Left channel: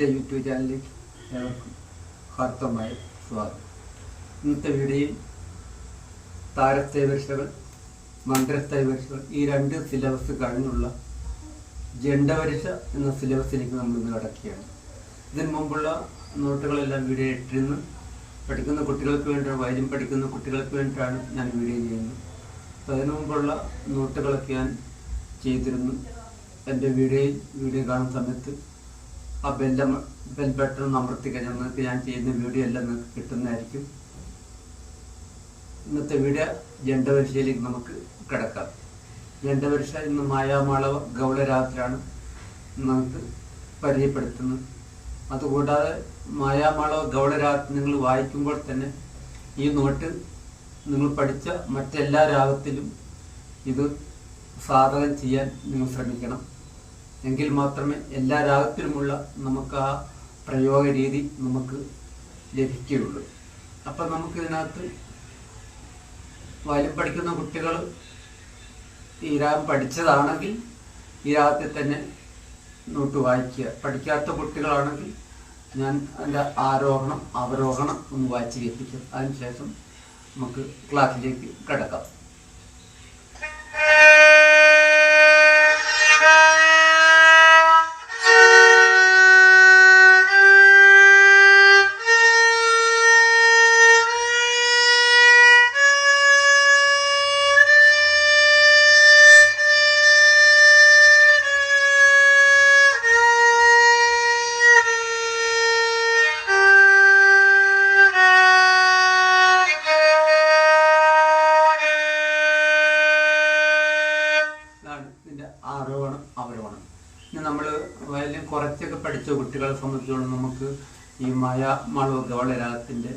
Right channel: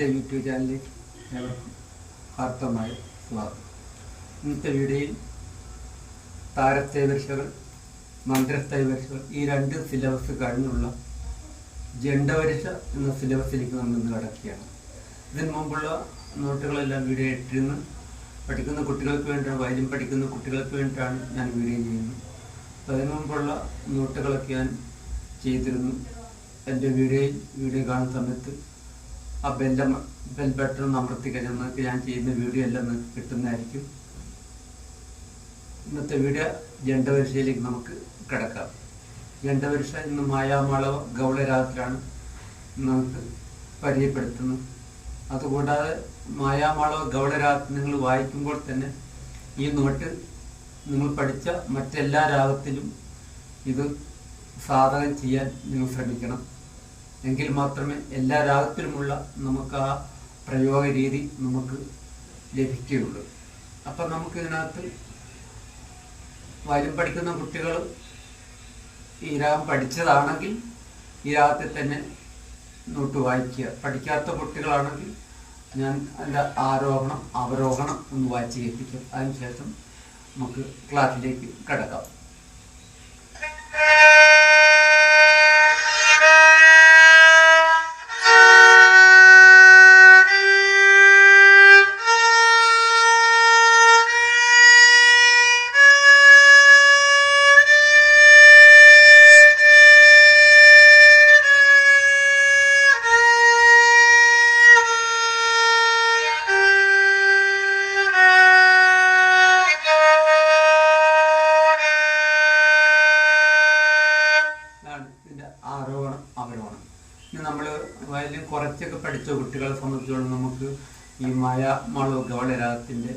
എന്റെ യൂട്യൂബ് ചാനലിലേക്ക് ഏവർക്കും ഹാർദമായ സ്വാഗതം. ഇന്നത്തെ വീഡിയോയിൽ താരത്തേവരിഷകൾ മന്ത്രത്തേവരിഷകൾ ഈ രണ്ട് സിലബസ് കഴിഞ്ഞുള്ള ജണ്ടവരിശ എന്ന സിലബസിലേക്ക് നമ്മൾ ഇന്ന് കടക്കുകയാണ്. ഇതിന് മുമ്പുള്ള നോട്ടുകളെല്ലാം വീഡിയോ ഇട്ടിരുന്നു. പഠിക്കുന്ന കുട്ടികൾക്ക് വേണ്ടിയാണ് വൈദ്യം പഠിക്കുന്ന കുട്ടികൾക്ക് വേണ്ടിയിട്ടാണ് ഞാൻ വീഡിയോ ചെയ്യുന്നത്. അതിനു മുമ്പുള്ള നോട്ടുകളൊക്കെ ഞാൻ ചെയ്തിരുന്നു. എന്റെ വീഡിയോയിൽ വീഡിയോ കാണുന്ന സമയത്ത് ആ ബെല്ല ബെൽ ബട്ടൺ അമർത്തി കഴിഞ്ഞാൽ നിങ്ങൾക്ക് ഞാൻ ചെയ്യുന്ന വീഡിയോ എല്ലാം നിങ്ങൾക്ക് കിട്ടുന്നതായിരിക്കും. ഇന്നത്തെ വീഡിയോ ജണ്ടപരിശയിലേക്ക് നമുക്ക് കിടക്കാം. ജണ്ടപരിശ ഇന്ന് മായാമാളവ ഗൗളരാത്രിയാണ് നമുക്ക് പരിചയപ്പെടുത്തുന്നത്. അതുകൂടാതെ മായാമാളവ ഗൗളരാത്രി നിങ്ങൾ വായിക്കുമ്പോൾ തന്നെ ഈ നോട്ട് നിങ്ങൾ പഠിച്ച മറ്റെല്ലാ രാഗത്തിലും ഇത് സാധകം ചെയ്യാൻ നിങ്ങൾ ശ്രമിക്കണം. എങ്കിൽ മാത്രമേ എല്ലാ രാഗത്തിലുമുള്ള നമുക്ക് ആ പ്രയോഗ രീതി നമുക്ക് ലഭിക്കുകയുള്ളൂ. അപ്പം നമുക്കിതിനകത്ത് വയലും പഠിക്കുന്ന കുട്ടികൾ ഈ രാഗം പഠിച്ചതാണെങ്കിൽ ഈ രാഗത്തിൽ തന്നെ നോട്ട് വായിക്കുക. പഠിക്കാത്ത കുട്ടികളാണെങ്കിൽ ഞാൻ അതിന്റെ ആരോഹണം അവരോഹണം ഒന്ന് വായിച്ച് കേൾപ്പിക്കും. അതിനുശേഷം നമുക്ക് ക്ലാസ്സിലേക്ക് കിടക്കാം. കുറച്ചൊക്കെ പഠിച്ച കുട്ടികളെ സംബന്ധിച്ചോളം നമുക്ക് ഈ മഴ മളവ് ഗൗളരാഗത്തിന്റെ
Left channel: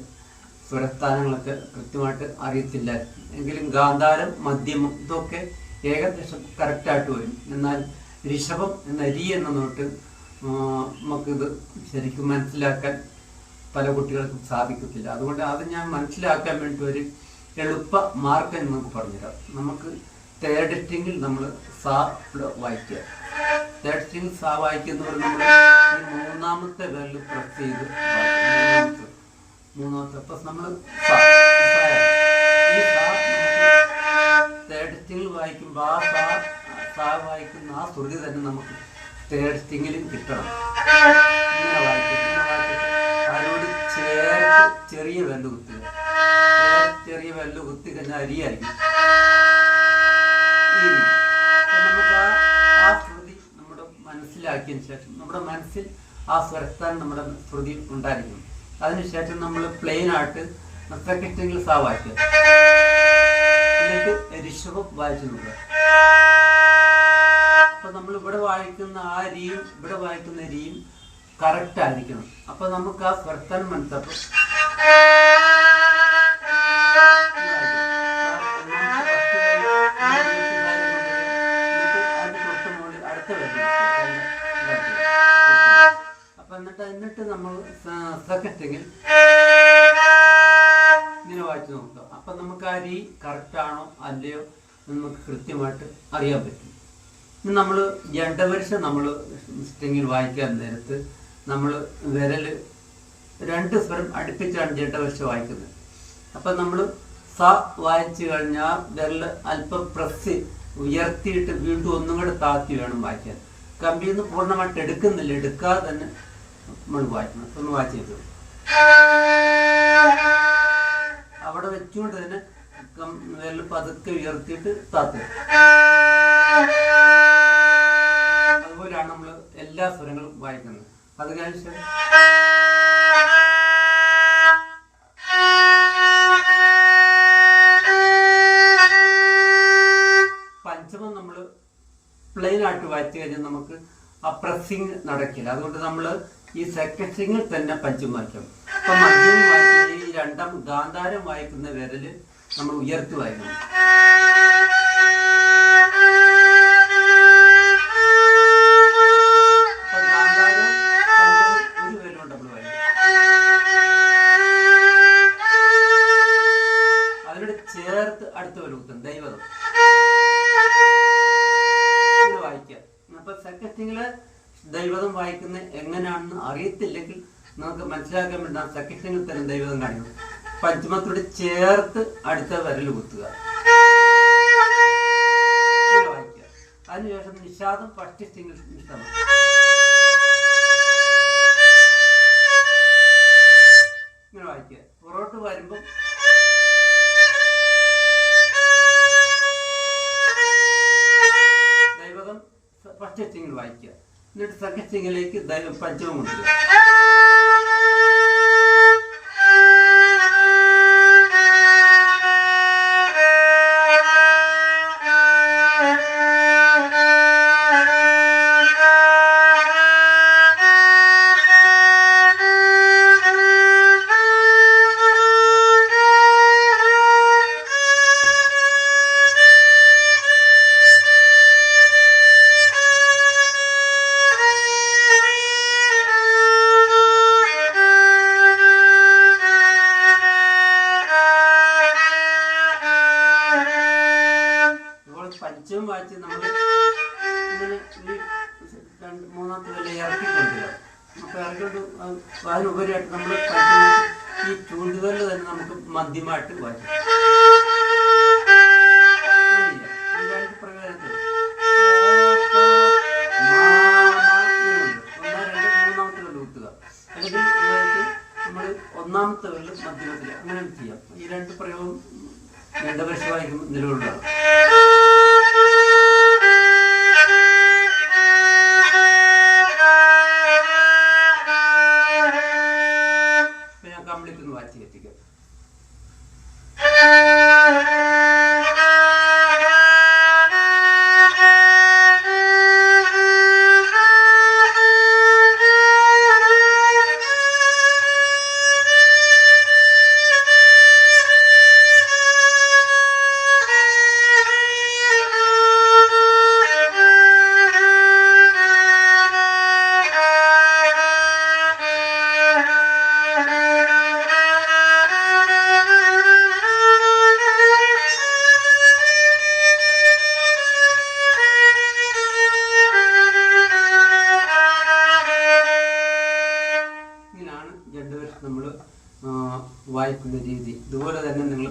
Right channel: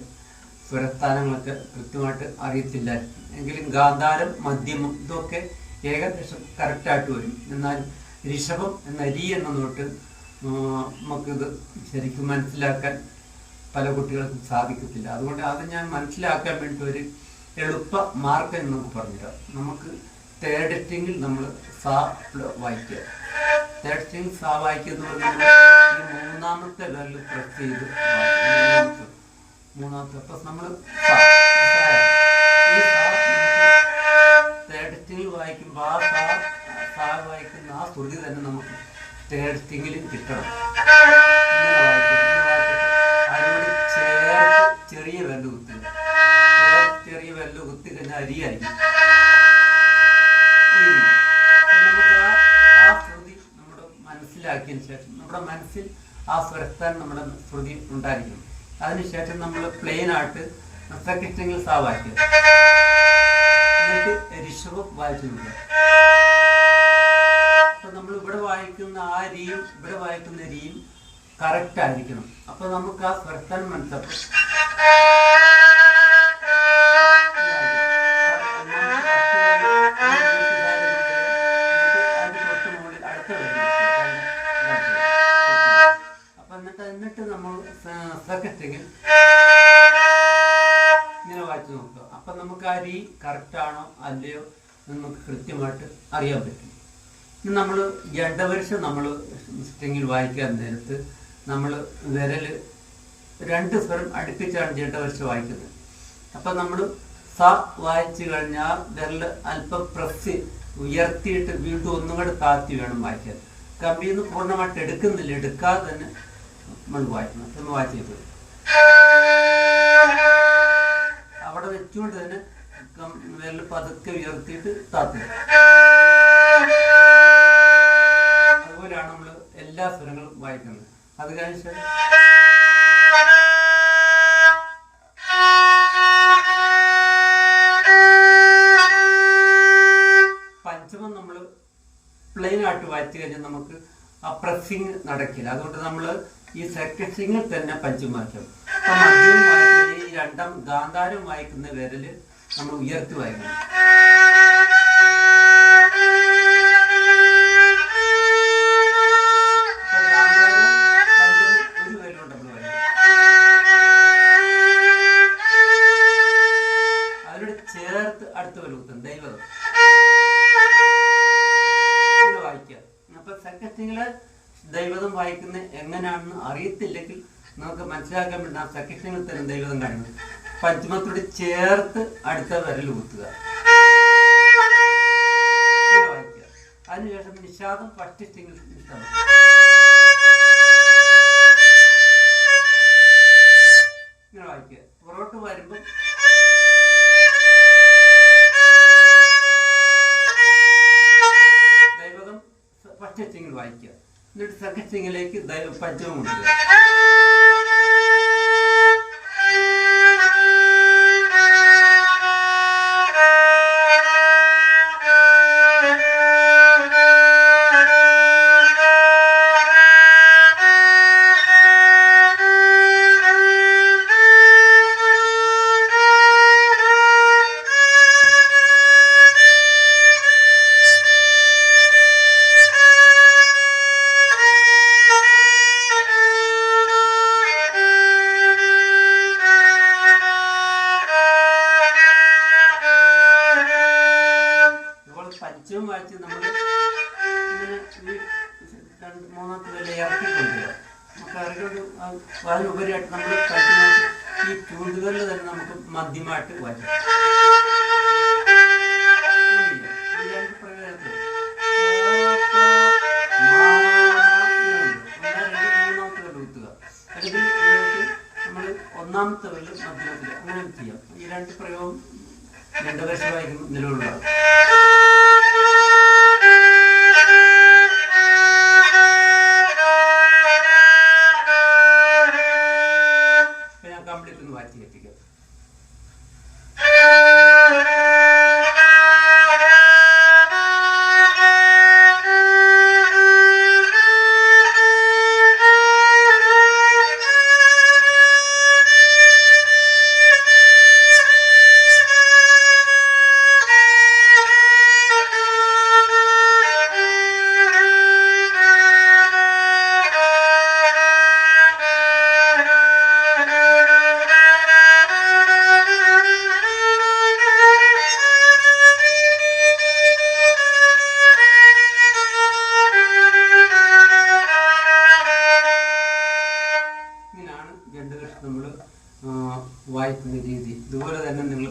സ്വരസ്ഥാനങ്ങളൊക്കെ കൃത്യമായിട്ട് അറിയത്തില്ല എങ്കിലും ഗാന്ധാരം മധ്യമം ഇതൊക്കെ ഏകദേശം കറക്റ്റായിട്ട് വരും. എന്നാൽ ഋഷഭം എന്ന രി എന്ന നോട്ട് നമുക്ക് നമുക്കിത് ശരിക്കും മനസ്സിലാക്കാൻ പല കുട്ടികൾക്കും സാധിക്കത്തില്ല. അതുകൊണ്ട് അത് ഞാൻ മനസ്സിലാക്കാൻ വേണ്ടി ഒരു എളുപ്പ മാർഗം നമുക്ക് പറഞ്ഞുതരാം. നമുക്ക് തേർഡ് സ്ട്രിങ്ങിൽ നമ്മൾ സാ വായിക്കുക. തേർഡ് സ്ട്രിങ് സാ വായിക്കുന്നതുകൊണ്ട് നമ്മൾ ഈ മൂന്നാമത്തെ വിരൽ പ്രസ് ചെയ്ത്. മൂന്നാമത്തെ മൂന്നാമത്തെ നമ്മൾ ഈ തേർഡ് സ്ട്രിങ്ങിൽ വായിക്കുമ്പോൾ ആ സാ വായിക്കുന്ന ആ ശ്രുതി തന്നെ നമുക്ക് തേർഡ് സ്റ്റിങ്ങിലും കിട്ടണം. അതിനോട് ചേർത്ത് ചെറിയ വെല്ല് കുത്തുക. ചെറിയ വെല്ല് കുത്തി കഴിഞ്ഞാൽ അരിയായിരിക്കും ശേഷം നമ്മുടെ മനസ്സിൽ ആ സ്വരത്താൻ നമ്മുടെ ശ്രുതി ഉണ്ടായിരിക്കും. അതിനുശേഷം നമ്മൾ പ്ലെയിൻ ആയിട്ട് നൃത്തക്കിഷ്ടങ്ങൾ സാ എന്നിട്ട് ഋഷഭം വായിച്ചു നോക്കുക. അപ്പൊ നമ്മൾ ഇവിടെ വായിക്കുന്ന ആ രീതിയും ഇവിടെ വായിക്കുന്ന രീതിയും കറക്റ്റ് ആയിരിക്കണം. അപ്പൊ നമുക്ക് ആ സ്വരത്താൻ മനസ്സിലാക്കും. എന്നിട്ട് എന്നിട്ട് നമ്മൾ സെക്കൻഡെങ്കിൽ ഇങ്ങനെ വായിച്ചു നോക്കുക. അപ്പൊ നമുക്ക് ആ രീ കറക്റ്റ് ആണോ അല്ലയോ നമുക്ക് കൃത്യമായിട്ട് അറിയാൻ പറ്റും. ഇനി നമ്മൾ ജണ്ടപരിശ നമ്മൾ സ്ട്രിങ്ങിൽ വായിക്കാൻ നേരത്ത് നമ്മൾ വിരൽ രണ്ട് സ്വരം അടുപ്പിച്ചാണ് ജണ്ടപരിശ വായിക്കുന്നത്. അപ്പൊ നമ്മൾ സ വായിച്ചു കഴിഞ്ഞാൽ വിരൽ അല്പം പ്രസ് ഉയർത്തിയിട്ട് വീണ്ടും ഒന്നും കൂടെ താത്തി വേണം വായിക്കാൻ. കമ്പിയിൽ നിന്ന് പൂർണമായിട്ട് എടുക്കുന്നില്ല. എടുക്കാതെ തന്നെ നമ്മൾ വായിക്കണം ഒന്ന് വായിച്ചു അവിടെ വെച്ചുകൊണ്ട് തന്നെ വിരൽ പതുക്കെ ഉയർത്തിയിട്ട് താത്തുക അതുപോലെയാണ് നമ്മൾ എല്ലാ സ്വരങ്ങളും വായിക്കുന്നത്. അത് കഴിഞ്ഞ പഞ്ചമം നമ്മൾ പ്ലെയിൻ ആയിട്ട് വായിച്ചു കഴിഞ്ഞാൽ നമുക്ക് ആ പ്രസ്സിങ് നടക്കില്ല. അതുകൊണ്ട് നമ്മൾ ഈ സെക്കൻഡ് സ്ട്രിങ്ങിൽ തന്നെ പഞ്ച് വായിക്കണം അപ്പൊ മദ്യം വായിക്കുന്ന ഈ രണ്ടാം ഗാന്ധാരം വായിക്കുന്ന വിരൽ നമ്മൾ ഉയർത്തി വായിക്കണം. നമുക്ക് മനസ്സിലാക്കാൻ പറ്റുന്ന സഖ്യങ്ങൾ തരും ദൈവം കാണുന്നത് പഞ്ചമത്തോട് ചേർത്ത് അടുത്ത വിരൽ കുത്തുക. അതിനുശേഷം നിഷാദം ഫസ്റ്റ് സിംഗിൾ നിഷാദം ഇങ്ങനെ വായിക്കുക. പുറോട്ട് വരുമ്പം ദൈവകം ഫസ്റ്റ് സിംഗിൾ വായിക്കുക. എന്നിട്ട് സെക്കൻഡ് സിംഗിലേക്ക് ദൈവ പഞ്ചമം കൊണ്ടുവരിക നമ്മൾ ഇങ്ങനെ ഈ രണ്ട് മൂന്നാമത്തെ വില ഇറക്കി കൊണ്ടുവരിക അപ്പോൾ ഇറക്കിക്കൊണ്ട് അതിനുപരിയായിട്ട് നമ്മൾ കഴിക്കുന്ന ഈ ചൂണ്ടുകളിൽ തന്നെ നമുക്ക് മധ്യമായിട്ട് വായിക്കാം ഒന്നാമത്തെ വിരൽ മധ്യമത്തിൽ അങ്ങനെ ചെയ്യാം. ഈ രണ്ട് പ്രയോഗം രണ്ടു വർഷമായിരിക്കും വായിക്കും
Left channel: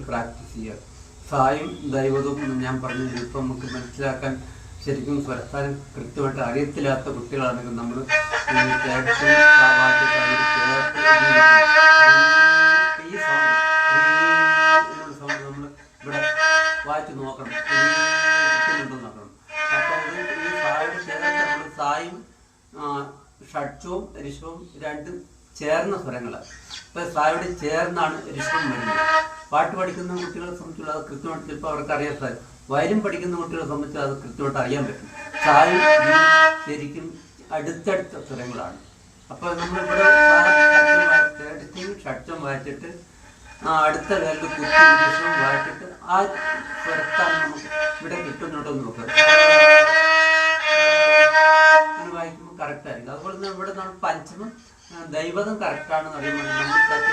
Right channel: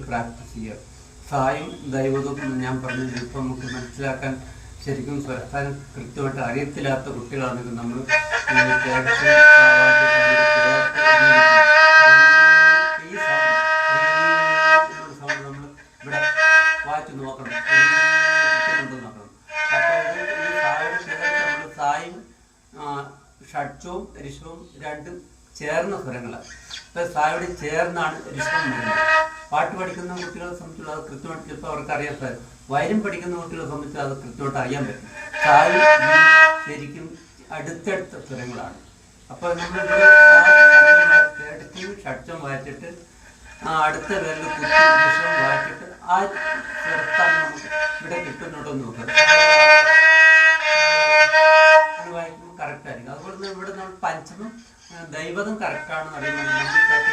പ്രാക്ടീസ് ചെയ്യുക സായും ദൈവതും ഞാൻ പറഞ്ഞത് ഇപ്പം നമുക്ക് മനസ്സിലാക്കാൻ ശരിക്കും സ്വരസ്ഥാനം കൃത്യമായിട്ട് അറിയത്തില്ലാത്ത കുട്ടികളാണെങ്കിൽ നമ്മൾ ഇവിടെ വായിച്ച് നോക്കണം സായും ഷഡ്ജവും രിഷവും രണ്ടും ചേർന്ന സ്വരങ്ങളാണ് ഇപ്പൊ സായോട് ചേർന്നാണ് രിഷവും വരുന്നത്. പാട്ട് പഠിക്കുന്ന കുട്ടികളെ സംബന്ധിച്ചുള്ള അത് കൃത്യമായിട്ട് ചിലപ്പോൾ അവർക്ക് അറിയാൻ സാധിക്കും വയലും പഠിക്കുന്ന കുട്ടികളെ സംബന്ധിച്ച് അത് കൃത്യമായിട്ട് അറിയാൻ പറ്റും. സായും ശരിക്കും അടുത്തടുത്ത സ്വരങ്ങളാണ്. അപ്പോൾ നമ്മളിവിടെ തേർട്ടി ഷഡ്ജം വായിച്ചിട്ട് അടുത്ത വിരൽ കുത്തി വിഷം വായിച്ചിട്ട് ആ സ്വരത്താണ് നമുക്ക് ഇവിടെ കിട്ടുന്നുണ്ടോ എന്ന് നോക്കുക വായിക്കുമ്പോൾ കറക്റ്റ് ആയിരിക്കും. അതുപോലെ തന്നെ ഇവിടെ നമ്മൾ പഞ്ചമം ദൈവതം കറക്റ്റ് ആണെന്ന് അറിയുമ്പോൾ തേർഡ്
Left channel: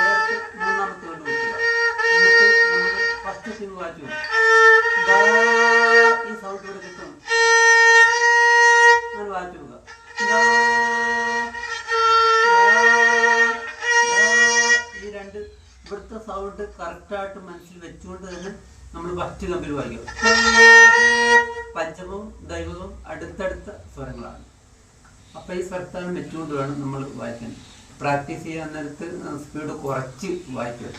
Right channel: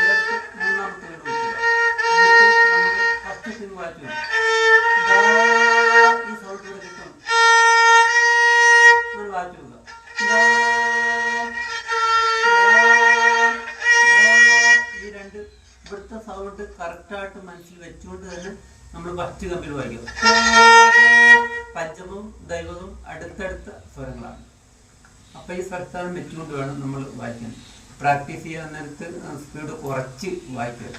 ചേർത്ത് ഫസ്റ്റ് സിംഗ് ദൈവവും അടുത്തടുത്ത സ്വരങ്ങളാണ്. അപ്പോൾ ഈ സ്വരസ്ഥാനം വെച്ചുകൊണ്ട് വേണം നമ്മൾ വായിക്കാൻ. പ്രാക്ടീസ് ചെയ്യാൻ നേരത്ത് സ്പീഡ് കുറച്ച് വായിക്കുക.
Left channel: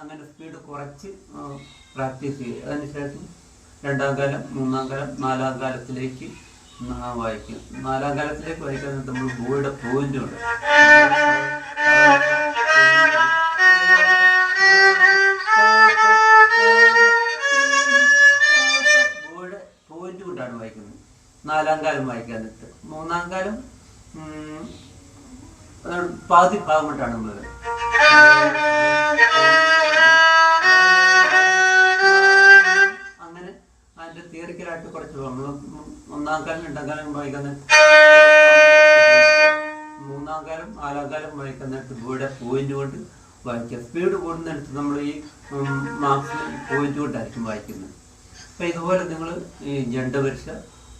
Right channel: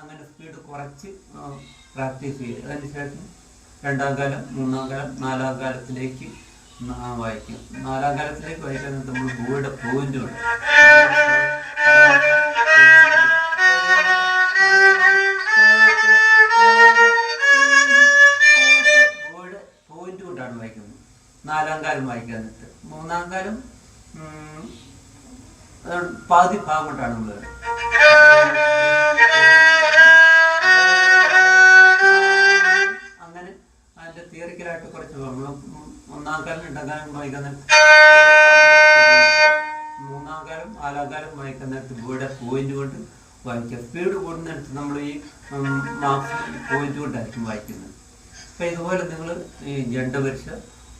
അങ്ങനെ സ്പീഡ് കുറച്ച് പ്രാക്ടീസ് ചെയ്യുക. അതിന് ശേഷം രണ്ടാം കാലം മൂന്നാം കാലം നാലാം കാലത്തിലേക്ക് വായിക്കും നാലാം കാലത്തിലേക്ക് വായിക്കാൻ നമ്മൾ ഭൂയുടെ പോയിന്റ് ഉണ്ട് നാലാം കാലം വായിക്കാൻ നേരത്ത് മൂന്നാം കാലം പകുതി ഭാഗം നമ്മൾ അങ്ങനെ അതിന്റെ തിയറിക്കലായിട്ട് കുറച്ച് ഒന്നാം കാലം രണ്ടാം കാലം വായിക്കാൻ നേരത്ത് മൂന്നാം കാലം നാലാം കാലം വായിക്കാൻ നേരത്ത് ഇവിടെ പോയിന്റ് കൊണ്ട് വായിക്കുക. സ്പീഡ് കൂടുന്നിടത്ത് നമ്മൾ ഈ മാർക്സ് പോയിന്റ് കൊണ്ടായിരിക്കും വായിക്കുന്നത്. അപ്പം ഇതുപോലെ നിങ്ങൾ ഈ ജണ്ട പരീക്ഷ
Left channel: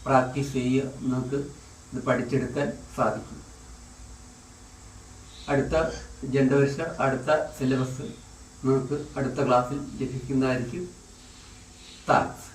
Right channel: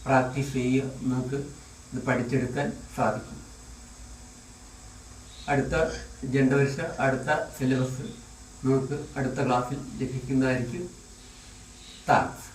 പ്രാക്ടീസ് ചെയ്യുക നിങ്ങൾക്ക് ഇത് പഠിച്ചെടുക്കാൻ സാധിക്കും. അടുത്ത ജണ്ട വർഷ അടുത്ത സിലബസ് നിങ്ങൾക്ക് അടുത്ത ക്ലാസ്സിൽ ലഭിക്കുന്നതായിരിക്കും. താങ്ക്സ്.